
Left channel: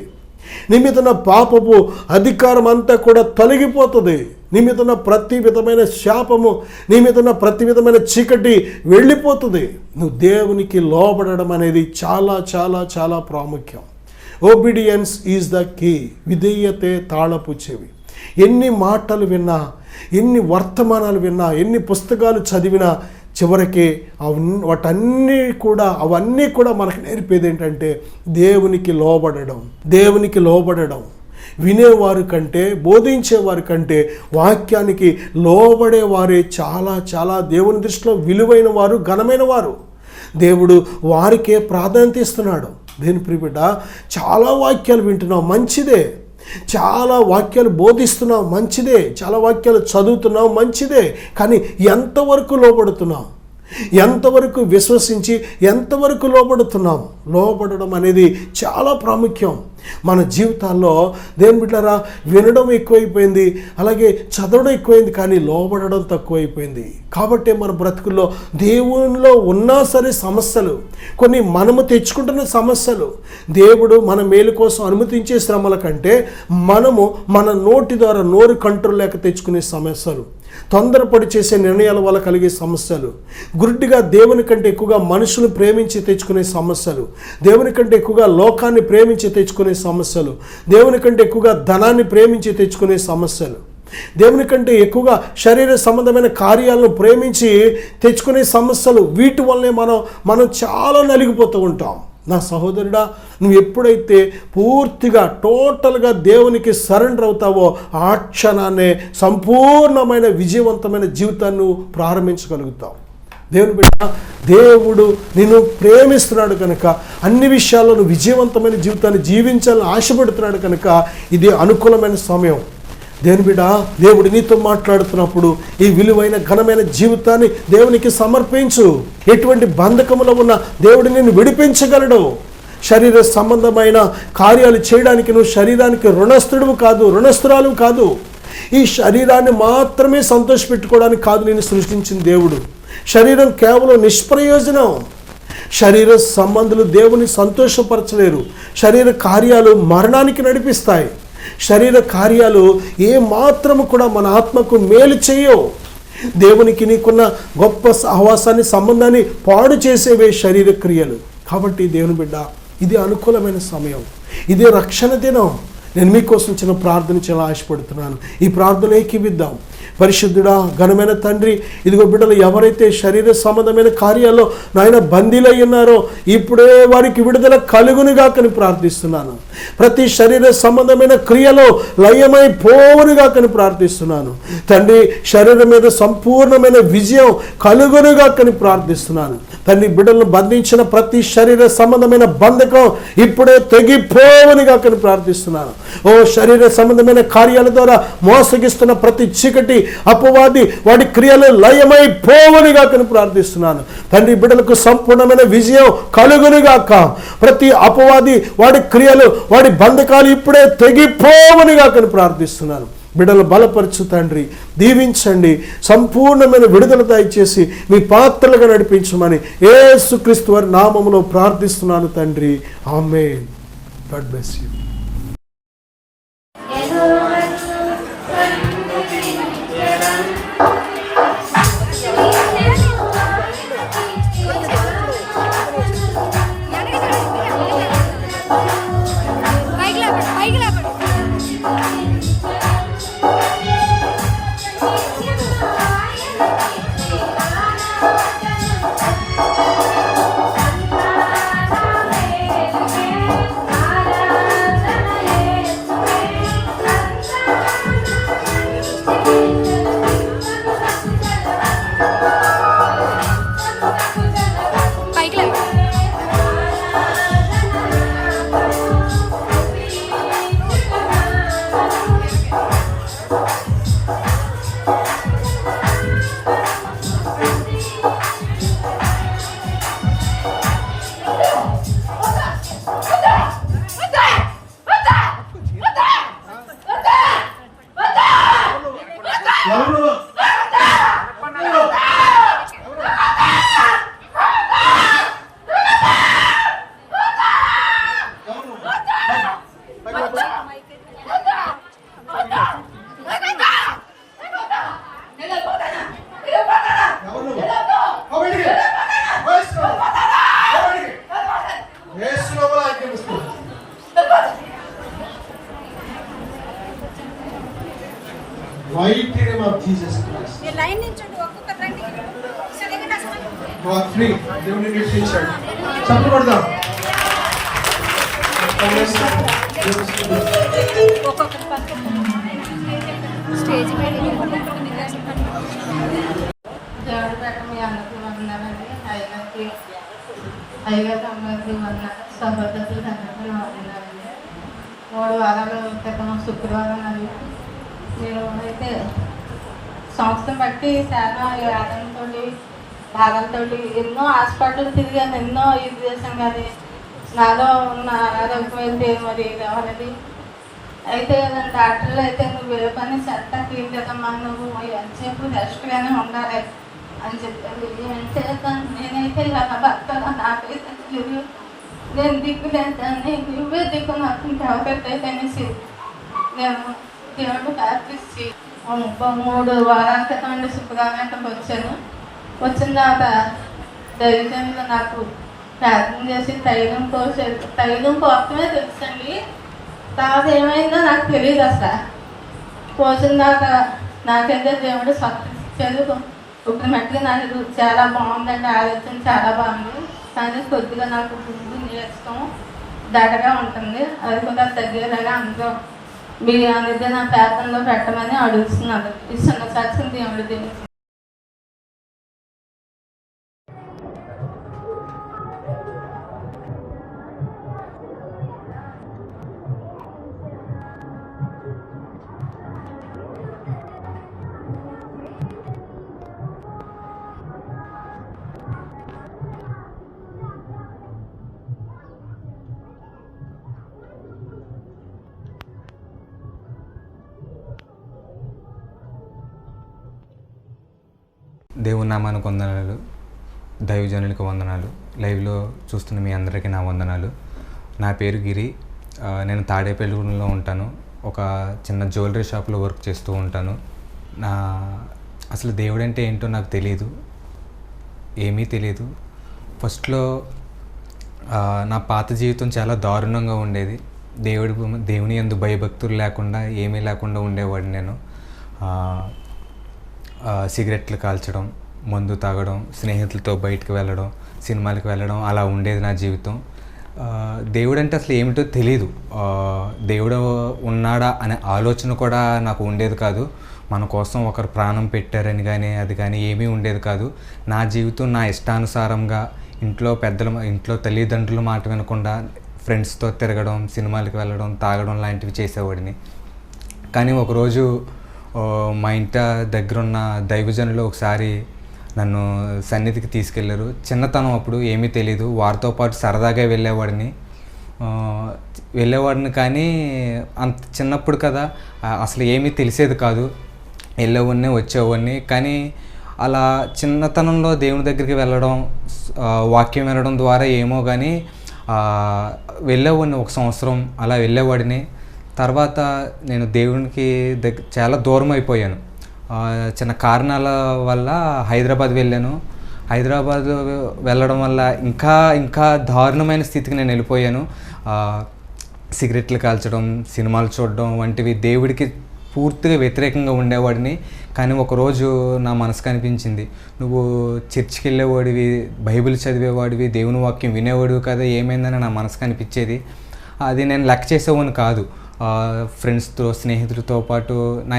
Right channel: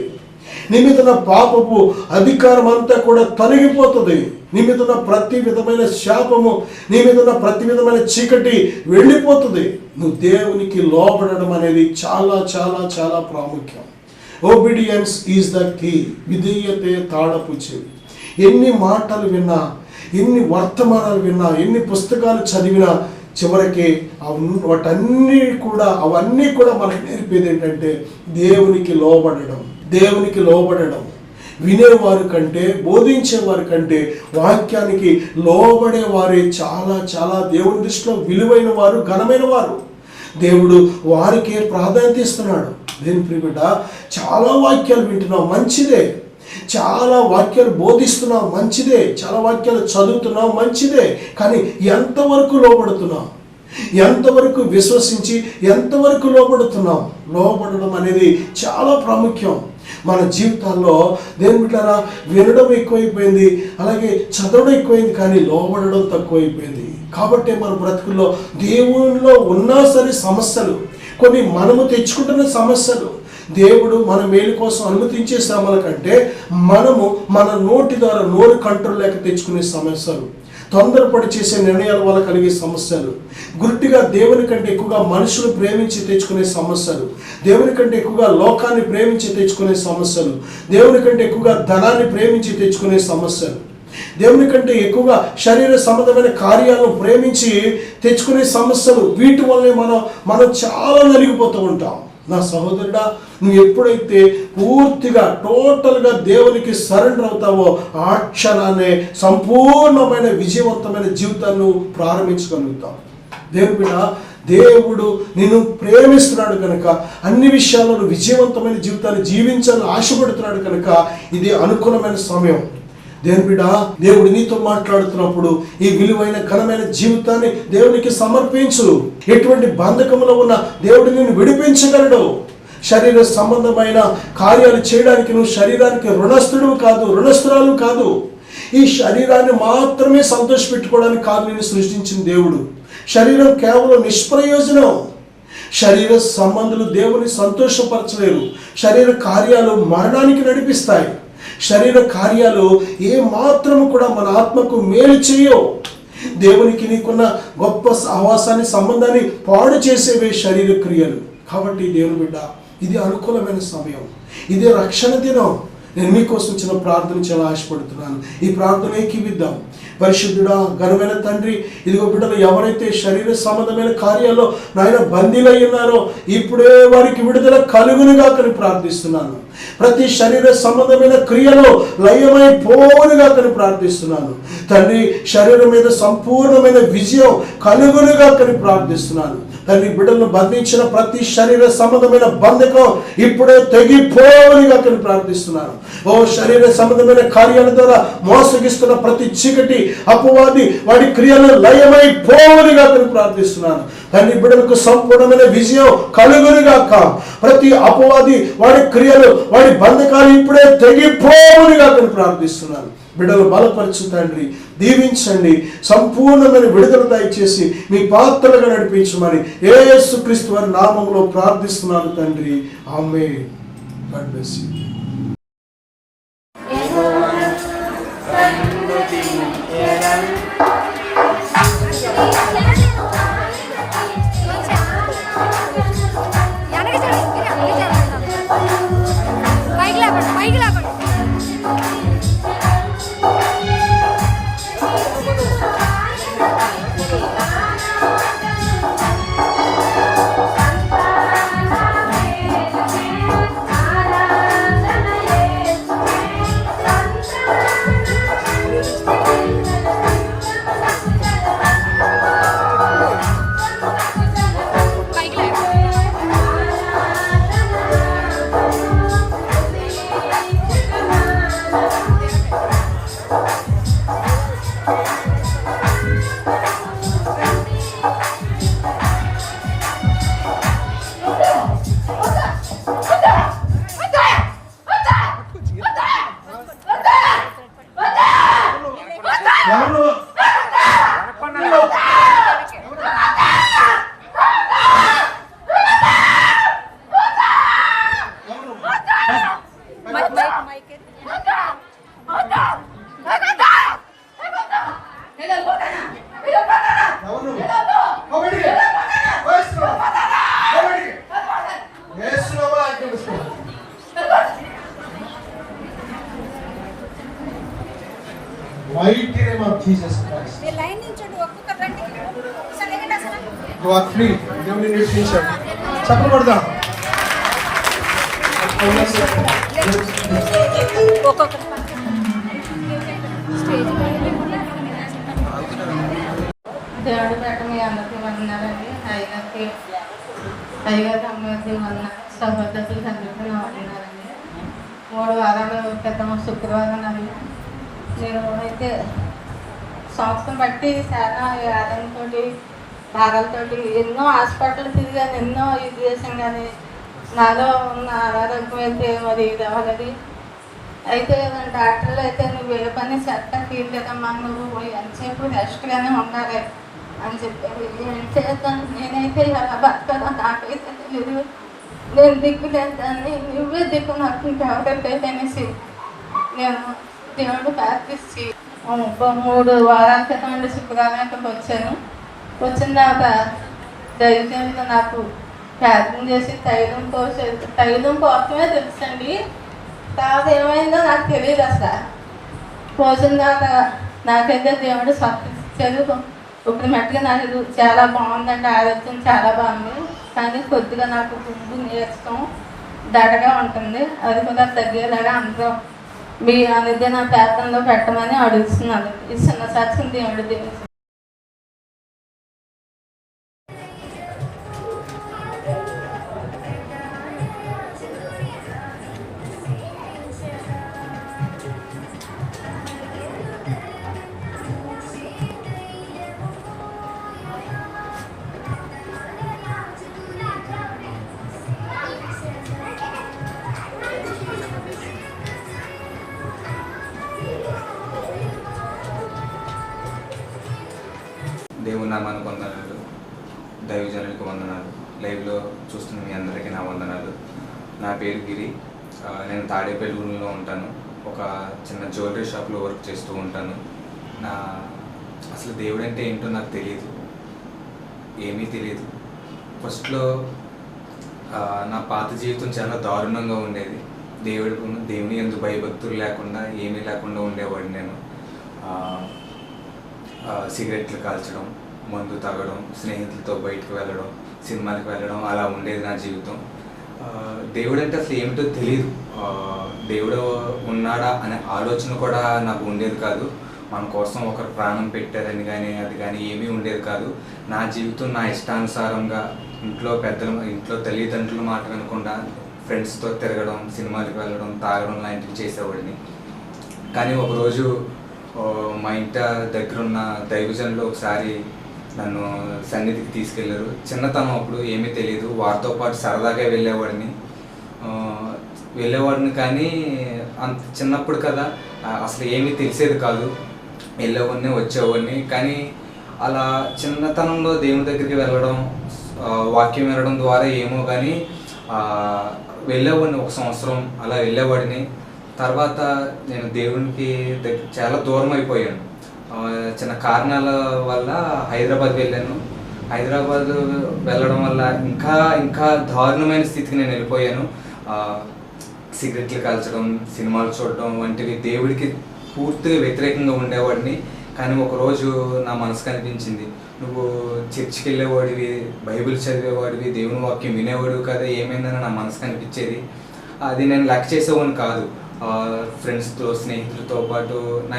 నీ మీద ఉన్న పాపపు అధికారం అంతా కూడా తొలగిపోతుంది. నీ మీద ఉన్న ప్రతి విధమైన శాపము, నీ మీద ఉన్న ప్రతి విధమైన చీకటి వెళ్ళిపోతుంది. నువ్వు దేవునికి లోబడడం అనేది చాలా చాలా చాలా ప్రాముఖ్యం. Obedience is the key. విధేయతే తాళపు చెవి. ఎన్ని మాటలు విన్నా, ఎన్ని వర్తమానాలు విన్నా, ఎన్ని పుస్తకాలు చదివినా చివరికి అవన్నీ కూడా మనకు నేర్పేది ఏంటంటే దేవునికి లోబడడం. దేవునికి లోబడడం. వినేవారి కంటే, బోధించేవారి కంటే వాక్యానికి లోబడే వారే చాలా చాలా దేవుని దృష్టిలో విలువైన వారు, ఘనమైన వారు. దేవుడు వారికే ప్రాధాన్యత ఇస్తున్నాడు. దేని ప్రియబిడ్డ, చాలా వాక్యాలు వింటున్నావు, మంచిదే. చాలా వాక్యాలు బోధిస్తున్నావు, మంచిదే. చాలా వాక్యాలు చదువుతున్నావు, మంచిదే. కానీ ఎంతవరకు లోబడుతున్నావు? ఎంతవరకు విశ్వసించి ఎంతవరకు లోబడుతున్నావు? లోబడడం అనేది చాలా ప్రాముఖ్యం మన జీవితాల్లో. దేవుని బిడ్డలారా, వినడం ఎక్కువైపోయింది, అలాగే చదవడం ఎక్కువైంది, కానీ లోబడడం తక్కువైపోయింది. కాబట్టి మన బ్రతుకుల్లో దేవునిలో ఉన్నా సరే సమస్యలు, కొన్ని మనము తెచ్చుకుంటున్న సమస్యలు, దేవుడు మన మేలు కోసం అనుమతించే శ్రమల కంటే మనము మన నోటి ద్వారా నోరు కంట్రోల్ లేక తెచ్చుకునే సమస్యలు, తొందరపడి చేసే నిర్ణయాల వల్ల కలిగే సమస్యలు, గుడ్డిగా దేవుని కంటే ఎక్కువగా మనుషులు ప్రేమించి తెచ్చుకునే సమస్యలు, దేవుని కంటే ఎక్కువగా లోకాన్ని ప్రేమించి తెచ్చుకునే సమస్యలు, దేవుని కంటే ఎక్కువగా ధనాన్ని ప్రేమించి తెచ్చుకునే సమస్యలు, దేవుని కంటే ఎక్కువగా శరీర సంబంధమైన కార్యాలను ప్రేమించి తెచ్చుకునే సమస్యలు, వీటి వల్లే మనం చాలా నలిగిపోతూ ఉంటాం. నా సహోదరుడా, నువ్వు ఎప్పుడైతే పూర్తిగా టోటల్గా దేవునికి సరెండర్ అవుతావో ఆ క్షణాన్నే సంపూర్ణమైన విజయవంతమైన జీవితాన్ని ప్రారంభించగలుగుతావు. దేవుని బిడ్డ, దేవుడు నిన్ను ప్రేమిస్తున్నాడు కనుక, అన్ని విషయాల్లో నువ్వు విజయవంతమైన జీవితాన్ని జీవించాలని ఆశపడుతున్నాడు కనుక ఇది అనుకూలమైన సమయం. దేవుని బిడ్డ, దేవుడు నీతో మాట్లాడుతున్నప్పుడు ఈ విలువైన ఘనమైన జీవితాన్ని దేవునికి సమర్పించు. ఎటువంటి బంధకములో ఉన్న దేవుడు నిన్ను విడిపించగలడు. శరీర సంబంధమైన కార్యాలు చేయడానికి నువ్వు శరీరానికి రుణస్థురాలు కాదు. ఈ శరీరాన్ని మాత్రమే సంతోషపెట్టుకోవడానికి కాదు నేను సృష్టించిన దేవుడు. శరీరం కేవలం నిష్ప్రయోజనం. శరీర సంబంధులు దేవుని సంతోషపరచలేరు. శరీర కార్యాలు మరణానికి నడిపిస్తాయి. శరీర కార్యాలు ఏ మాత్రము కూడా మన ఆత్మకు మేలు చేయవు. దేవునికి నీకున్న గొప్ప సహవాసాన్ని, సంబంధాన్ని పాడు చేసేవే శరీర క్రియలు. కాబట్టి దేవుని బిడ్డ, ఇది అనుకూలమైన సమయం, ఇదే రక్షణ దినం. నేను మీకోసం చిన్న ప్రార్థన చాలా ఆశపడుతున్నాను. ఈ ప్రార్థన ఏకీవిద్దాం. పరిశుద్ధుడా, ఘనమైన తండ్రి, ఇదిగో బిడ్డలు ఎవరైతే శరీర సంబంధమైన కార్యాల్లో నాయన బందీలై ఉన్నారో ఇప్పుడే వారికి విడుదల కలుగునుగా కని ప్రార్థిస్తున్నాను. ప్రతి శరీర సంబంధమైన క్రియలో లయమైపోవునుగా కని ప్రార్థిస్తున్నాను. తండ్రి, శరీరం మీద సంపూర్ణమైన విజయం కలుగునుగా కని ప్రార్థిస్తున్నాను. తండ్రి, బిడ్డలను బంధించిన ప్రతి శరీర సంబంధమైన బంధకం ఇప్పుడే తెగిపోవునుగా కని ప్రార్థిస్తున్నాను. ఓ శరీర సంబంధమైన కార్యాల ద్వారా మోసగిస్తున్న ప్రతి చీకటి అపవాది వాడి క్రియలు లయమైపోవునుగా కని ప్రార్థిస్తున్నాను. తండ్రి, బిడ్డలకు సంపూర్ణమైన విజయం కలుగునుగాక. ప్రతి అపవాది వాడి క్రియలు, వాడి బంధకాలు ఇప్పుడే తెగిపోవునుగా కని ప్రార్థిస్తున్నాను. బిడ్డలు బలపరచు తండ్రి, దీవించండి, సంపూర్ణమైన విడుదల దయచేసి మీ పాత్రలుగా నడిపించమని యేసుక్రీస్తు వారి నామములో ప్రార్థిస్తున్నాను తండ్రి. Amen. God bless you. Mighty name of Jesus Christ. You are free. దేవుని నిర్మించండి. చప్పట్లు కొడదాం. దేవుడు పెట్ట మీ అందరికీ వందనాలండి. టైగర్ అందరికీ సహోదరులు అందరికీ వందనాలండి. 3 వారాల క్రితం శుక్రవారం అది నేను అయితే సంస్థను బట్టి చాలా బాధలతో ఎన్నో హాస్పిటల్ తిరిగాను, ఎన్నో ఇది చేసాను. కానీ నాలో ఉన్న ఆరోగ్యం అయితే మరి ఇది అవ్వలేదు. అయితే డాక్టర్లు అయితే నువ్వు ఏ పని చెత్త తీయలేదమ్మా, నువ్వు ఎంతసేపు రెస్ట్గానే ఉండాలి అని చెప్పారు. ఏం చేద్దాను, నేనైతే ఇలా బతకాలో నాకైతే తెలియదు. నేను దిక్కులేదాన్ని, నువ్వే దిక్కు నాకు ఇంకెవరైతే అనేసి నేను దేవుడు ప్రార్థించి 3 వారాల క్రితం నుండి శుక్రవారం వచ్చాను. వచ్చిన తర్వాత దైవజనులు నాకు ప్రార్థన చేసి తైలం కోసమే తెలుసండి. తర్వాత ఏమైందో నాకు తెలియదు అసలు. పోసిన తర్వాత నాకైతే దేవుడు చదువు ఇప్పుడు మట్టుగా నాకు చాలా బాగుందండి, ఆరోగ్యం చాలా బాగుంది. కానీ కొద్దిగా నాకు నేర్చుకోం దడగా ఉంటుంది. అది కూడా తగ్గేలాగా అందరూ మీ అనేది నా ప్రార్థనలో పెట్టమని అడుగుతున్నాను. ఈ చిన్న సాక్షి దేవుడు దీనికి దేవుని నామానికి వందనాలు, దైవజనులకు వందనాలు, లైవ్లో చూస్తున్న మీ అందరికీ నా వందనాలు. నా పేరు గిరి. నేను తాడేపల్లిలో ఉంటాను. ఒక చిన్న జ్యువెలరీ షాప్లో వర్క్ చేస్తూ ఉంటాను. అసలు దేవుడు అంటే ఏంటో నాకు తెలియదు, ఏమీ తెలియదు. ఫస్ట్లో నా పాత జీవితం చాలా దారుణంగా ఉండేది. దేవుని యందు భయభక్తులు లేకుండా ఏమీ లేకుండా ఉండేవాడిని నేను. సిగరెట్లు కాల్చడం, మందు తాగడం, స్నేహితులతో బయటకు వెళ్ళడం, సినిమాలకు వెళ్ళడం, అలా ఉండేది నా జీవితం. దేవుడు అంటే అసలు ఏమిటో తెలియదు. దేవుడు ఉన్నాడా అనే ఆలోచన కూడా నాకు ఉండేది కాదు. మన కోసం ఒకరు ప్రాణం పెట్టారని కానీ అది కానీ ఏమీ ఉండేది కాదు. నా జీవితం నా ఇష్టానుసారంగా ఇంట్లో తల్లిదండ్రుల మాట వినకుండా ఫ్రెండ్స్తో తిరగడం, సినిమాలకు వెళ్ళడం, తాగడం లాంటివి చేసేవాడిని. కానీ ఒకరోజు మా ఇంటి దగ్గరున్న దైవజనులు ఒకసారి నన్ను సన్నిధికి తీసుకెళ్ళారు. చిన్నతనం అప్పుడు ఏమీ తెలీదు. వారితో పాటు సరదాగా వెళ్ళేవాడిని కానీ అంత చిన్నప్పుడు కదా, అసలు ఏమీ తెలిసేది కాదు. వెళ్ళేవాడిని, వచ్చేవాడిని. కానీ అలా చిన్నతనంలో దేవుని దగ్గరికి వెళ్ళడం, వాక్యం వినడం ద్వారా ఏమో కానీ వెళ్ళేవాడిని. 1 సంవత్సరం అలా వెళ్ళేవాడిని. తర్వాత నేను దేవునికి చాలా దూరం అయిపోయాను. చిన్న కారణాల వల్ల హైదరాబాద్ వెళ్ళాను. హైదరాబాద్ వెళ్ళడం వల్ల ఇంకా దారుణమైన స్థితికి నేను వెళ్ళిపోయాను. సిగరెట్లు కాల్చడం, సినిమాలు చూడడం వంటివి దేవుడికి పూర్తిగా వ్యతిరేకంగా ఉండేవాడిని. కానీ ఒకరోజు నా మనసుకు అనిపించింది, నువ్వు చర్చికి వెళ్ళేవాడివి, బైబిల్ చదివేవాడివి, దేవుని వాక్యం వినేవాడివి కదా, ఏమైందని నా మనసుకు అనిపించేది. అది నేను లెక్క చేసేవాడిని కాదు. ఫ్రెండ్స్తో, స్నేహితులతో పాటు నా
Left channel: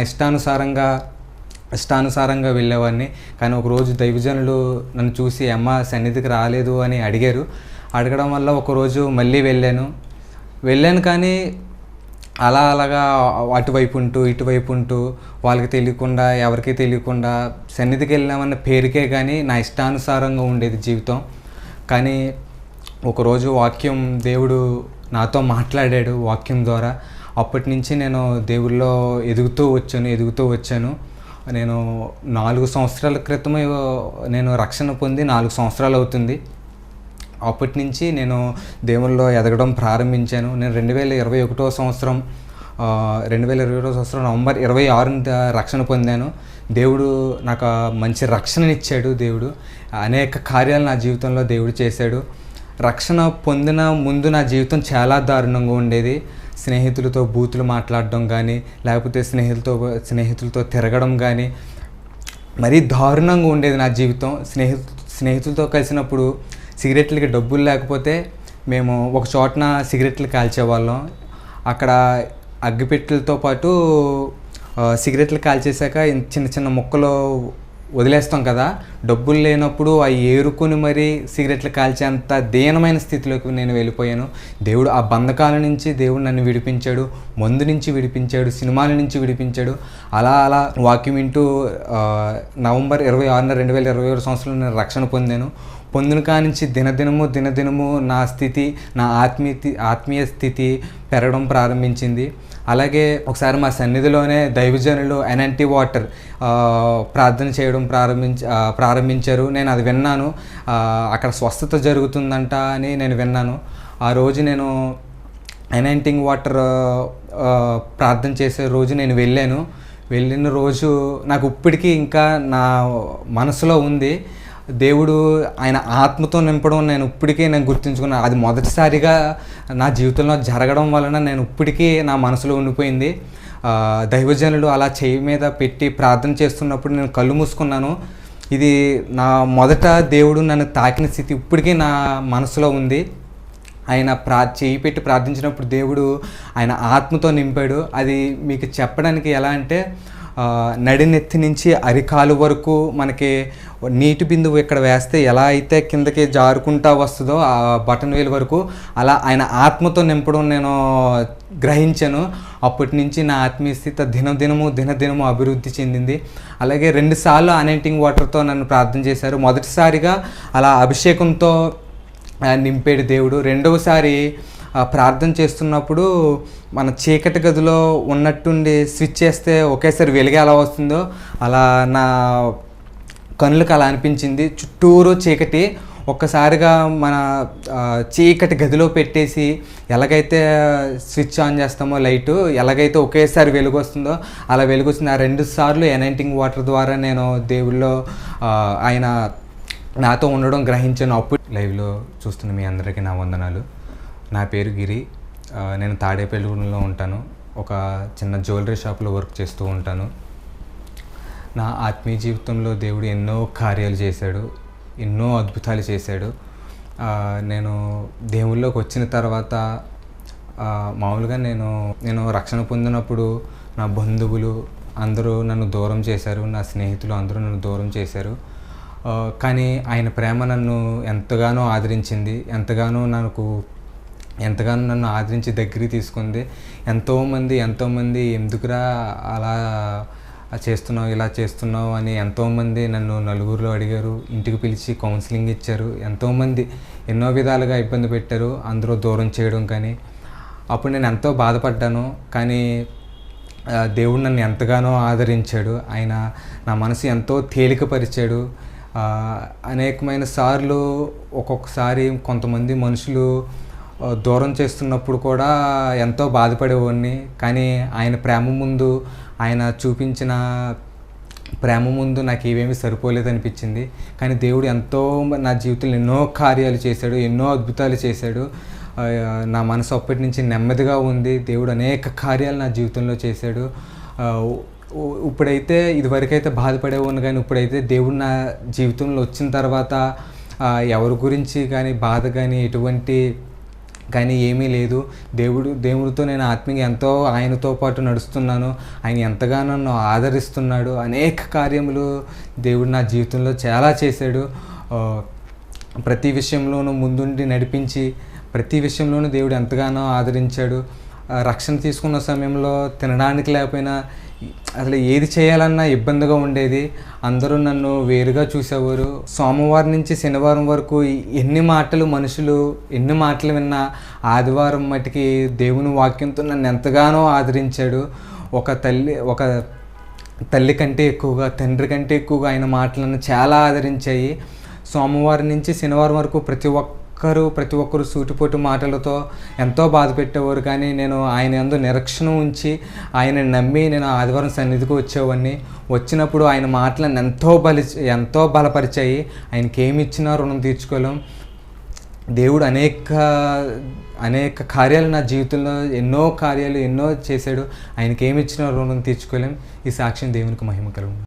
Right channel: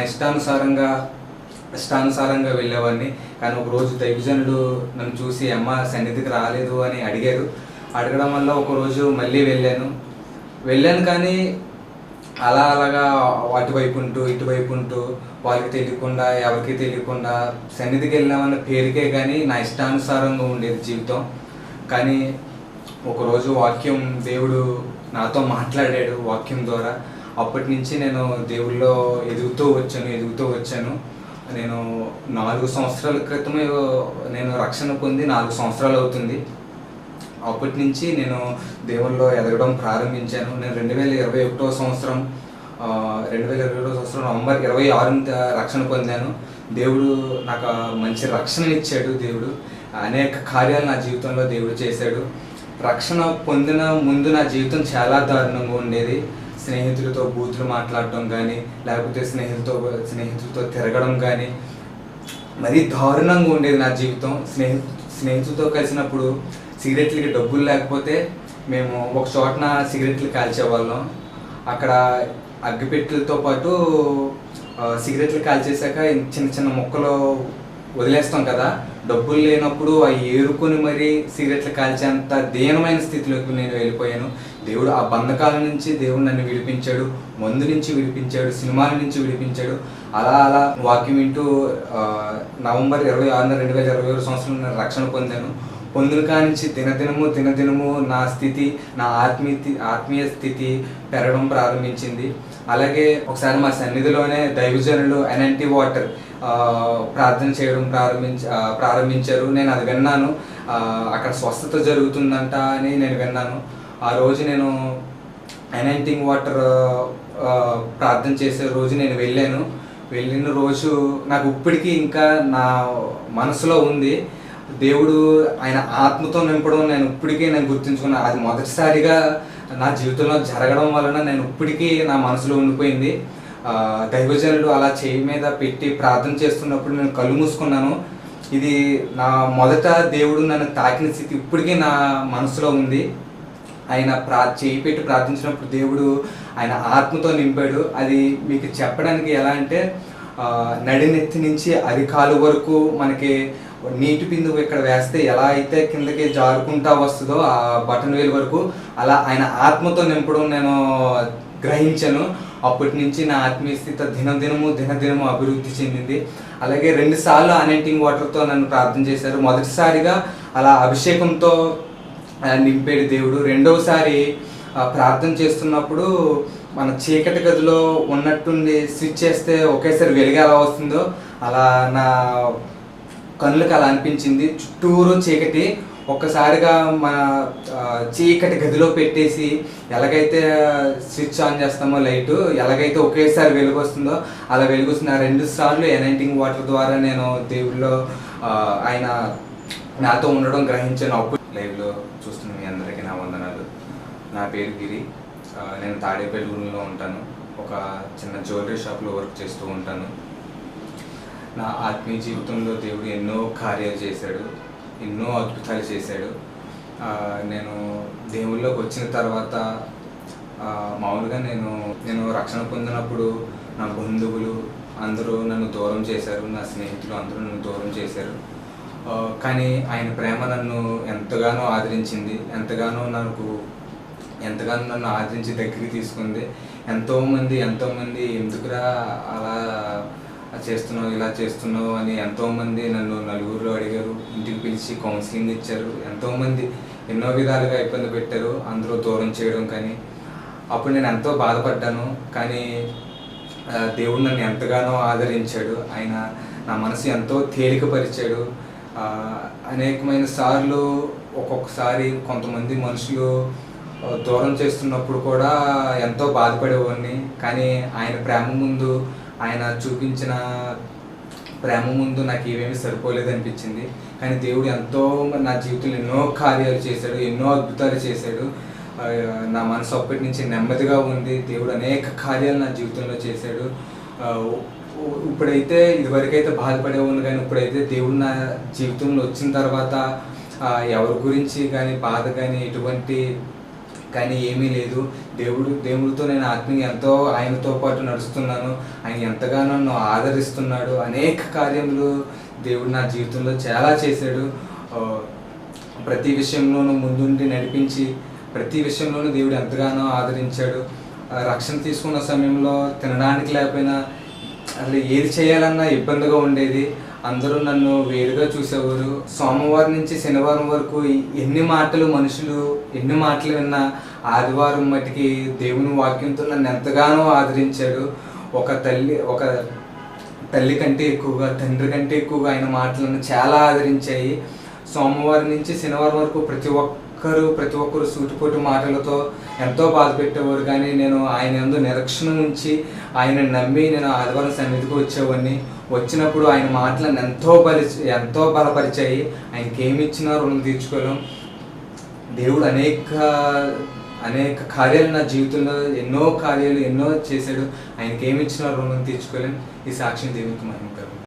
ఇష్టానుసారంగా వెళ్ళేవాడిని. కానీ ఒకరోజు దైవజనులు నన్ను చూసి అమ్మ సన్నిధికి రాలేదు అని అడగడం వల్ల ఒకరోజు మళ్ళీ వెళ్ళాను. కానీ అలాగా అటువైపు ఉంటూ వాళ్ళకి తెలియకుండా, ఎవరికీ తెలియకుండా సన్నిధికి వెళ్ళామన్న పేరుకే కానీ నా ఇష్టానుసారంగా ఉండేది జీవితం. కానీ ఒకరోజు దేవుడు నాతో మాట్లాడాడు వాక్యం ద్వారా. అప్పటి నుంచి నేను దేవుళ్ళో ఎదుగుతూ వచ్చాను. నేను 4 సంవత్సరాల క్రితం నేను రక్షణ పొంది 4 సంవత్సరాలు అవుతుంది. అప్పటి నుంచి నేను దేవుళ్ళో ఎదగడం ప్రారంభించాను. నేను 2021 సంవత్సరం నవంబర్ 26 రక్షణ పొందాను. దేవుడు నాకు మంచి రక్షణనిచ్చాడు. దేవుడు అనేక కార్యాలు నా జీవితంలో దేవుడు చేశాడు. రక్షణ పొందిన ముందు నా జీవితం చాలా దారుణంగా ఉండేది. స్నేహితులతో బూతులు మాట్లాడడం కానీ, లేకపోతే స్నేహితులతో తిరగడం కానీ మరీ దారుణంగా ఉండేది నా జీవితం. స్నేహితులతో కలిసినప్పుడు సిగరెట్లకి డబ్బులు లేకపోతే మేము ఒక చోటన సిగరెట్లు కాల్చేవాళ్ళం. అక్కడ అగ్గిపెట్టెలతో పాటు సిగరెట్లు కాల్చేసాక చిన్న ముక్కలు వదిలేస్తాం కదా, డబ్బులు లేనప్పుడు అవి ఏరుకొని మరీ సిగరెట్లు కాల్చేంత దీనమైన స్థితిలోకి నేను వెళ్ళిపోయాను. దేవుడు ఆ బంధకాల నుంచి దేవుడు నన్ను విడిపించాడు, మందు నుంచి విడిపించాడు, సినిమాల నుంచి విడిపించాడు. అలా వాక్యం వింటూ నవంబర్ 26, 2021 సంవత్సరంలో నేను రక్షణ పొందిన కానించి దినదినము నా ఆత్మీయ స్థితి పెరగడం ప్రారంభించింది. అలాగే ఒకసారి మా సన్నిధిలోనే దైవజనులు ఎన్ఎన్టీ వాటర్ ప్రార్థన చేయడం ప్రారంభించారు. నేను అది విన్నాను. అక్కడ స్వస్థత జరుగుతుందంట అని నేను విన్నాను. ఆ రోజు నేను ఎన్ఎన్టీ వాటర్ ప్రార్థన చేసే రోజు నేను వెళ్ళిన రోజు నాకు ఇప్పటికీ ఇంకా నా మనసులో ఉంది. దేవుడు ఆయన ఆత్మతో నింపడం నేను గుర్తుంచుకున్నాను. అది మొదటిసారిగా నా జీవితంలో జరగడం వలన నేను ఇప్పటికీ నా మనసులో ఉండిపోయింది. దైవజనులు అలా చేయి మీద పెట్టి ప్రార్థన చేస్తున్నప్పుడు నేను కళ్ళు మూసుకున్నాను. ఇది నా మొదట దేవుడు నన్ను తాకిన స్థితి ఇప్పటికీ నా మనసులో ఉంది. ఆయన చేయి పెట్టి ప్రార్థించినప్పుడు దేవుడు ఆయన ఆత్మతో నింపాడు. అది మీకు చెప్పడానికి ఎలా అంటే, నడినెత్తి నుంచి అరికాలు వరకు మనకి నీటి బిందువు ఇక్కడ వేస్తే ఎలా అయితే కిందకి జారుకుంటా వస్తుందో ఆ బటన్ వేలు వరకు, అలా ఆయన ఆత్మతో నింపడం నేను గ్రహించాను. అప్పటి నుంచి నా ఆత్మీయ స్థితి దినదినము అభివృద్ధి చెందింది. అలాగే 2 సార్లు అనెంటింగ్ వాటర్తో నన్ను ప్రార్థన చేశారు. మొదటిసారిగా అలా అభిషేకంతో నింపేడు దేవుడు. రెండవసారి ప్రార్థన చేస్తున్నప్పుడు మన చీకటి గదిలో ఉన్నట్టుండి స్విచ్ చేస్తే ఒకేసారి వెలుగు ఎలా వస్తుందో అలా నా కళ్ళకి అలా అనిపించింది. చుట్టూరు చీకటి, ఒక్కసారిగా మన చీకటి గదిలో పెట్టేసి ఎలాగైతే స్విచ్ ఆన్ చేస్తామో లైటు, ఎలాగైతే ఒకేసారి వెలుగు వస్తుందో అలా వెలుగు వస్తుంది. ఆ 2 సార్లు ఎనైటింగ్ వాటర్ ద్వారా నేను దేవుళ్ళో ఆయన నాతో ఉండడం గ్రహించాను. అప్పుడు లైవ్లో చూస్తున్న మీ అందరికీ నా వందనాలు. నా పేరు గిరి. నేను తాడేపల్లిలో ఉంటాను. ఒక చిన్న జ్యువెలరీ షాప్లో వర్క్ చేస్తూ ఉంటాను. నా ఆత్మీయ జీవితంలో దేవుడు ఎన్నో కార్యాలు చేశాడు, ఎన్నో అద్భుతాలు చేశాడు. నేను దేవుళ్ళలోకి వచ్చిన తర్వాత మామూలుగా నేను రక్షణ పొందినప్పుడు నా బంధువులు అందరూ నన్ను దూరం చేశారు, నా స్నేహితులు అందరూ నన్ను దూరం చేశారు. కానీ ఆయన ప్రేమ నన్ను ఎంతగానో ఆదరించింది, ఎంతగానో నన్ను ఆదరించి దగ్గరికి తీసుకుంది. ఎంతోమంది ఎందుకురా అలా చేస్తున్నావు, ఇలా చేస్తున్నావు అని ఎంతోమంది నన్ను నలుగురిలో అడిగారు, ఇంటికి పిలిచి కౌన్సిలింగ్ ఇచ్చారు. ఎంతోమంది ఎన్నో విధాలుగా ఇబ్బంది పెట్టారు, అందరూ దూరం చేయడం. కానీ అప్పుడు నేను ఎంతో బాధపడ్డాను. కానీ దేవుడు నన్ను ఎంతగానో ఆదరించాడు. ఆయన నా మనసు ఎంతో తేలికపరిచాడు. అనేకమైన సార్లు ఒక్కొక్కసారి కొంతమంది మనుషులు దూరం చేస్తున్నప్పుడు కూడా ఎంతో బాధపడేవాడిని. కానీ ఆయన ప్రేమ ముందు, ఆయన చూపించిన ప్రేమ ముందు నాకు ఏమేమి సరిపోలేదనిపించింది. కానీ దేవుడు ఎంతో నా జీవితంలో ఎన్నో కార్యాలు చేశాడు, ఎన్నో అద్భుతాలు చేశాడు. నా మనసు అప్పటి నుంచి నెమ్మదిగా ఉంది. దేవుడు అనేక కార్యాలు నా జీవితంలో చేశాడు. ఇప్పుడైతే ఇదివరకైతే బాధపడేవాడిని, కానీ ఇప్పుడైతే దేవుడు నా జీవితంలో వచ్చిన తర్వాత ఎవరి గురించి కానీ బాధ కానీ ఎటువంటి కానీ ఏమీ లేదు. దేవుడితో నేను ఆత్మీయంగా ఎంతో ఆయనతో పాటు నడుస్తున్నాను. ఆయన ఎంతగానో నన్ను ఆదరిస్తున్నాడు. అనేక కార్యములు దేవుడు నా జీవితంలో చాలా చేశాడు. ప్రతి విషయంలోనూ ముందుండి నడిపించి, ప్రతి విషయంలోనూ దేవుడు ఎంతగానో ఆదరించాడు. రక్షణ తీసుకున్న సమయంలో తినడానికి లేకపోయినా అసలు ఏది చేయాలన్నా ఇబ్బందిగా ఉండేది. అందరూ నన్ను వేరుగా చూసేవారు. సోమవారం నుంచి శనివారం వరకు ఎన్ని మాటలు విన్నా ఆదివారం మటుకి దేవుని వాక్యంతో నన్ను ఎంతగానో ఆదరించాడు. ఒక తల్లి కంటే ఎక్కువగా, తండ్రి కంటే ఎక్కువగా ఆయన మాటలను చాలా ఆదరించాయి. సోమవారం నుంచి శనివారం వరకు ప్రతి ఒక్కరు సూటిపోటు మాటలతో ఎంతో బాధ పెట్టేవారు. కానీ నేను ఆయన యందు నిరీక్షణ ఉంచి ఆయన నమ్మి నేను ఆదివారం సన్నిధికి వచ్చేవాడిని. వచ్చినప్పుడు ఆయన మాటలను ఎంతో బలపరిచాయి. ఆయనకి ఏమి ఇచ్చినా రుణం తీర్చుకోలేం. దేవుడు అనేక కార్యాలు నా జీవితంలో ఎన్నో చేశాడు. ఆయనకి ఏమి ఇచ్చినా రుణం తీర్చుకోలేం. ఈ సాక్ష్యం దేవునికి మహిమ కలుగును.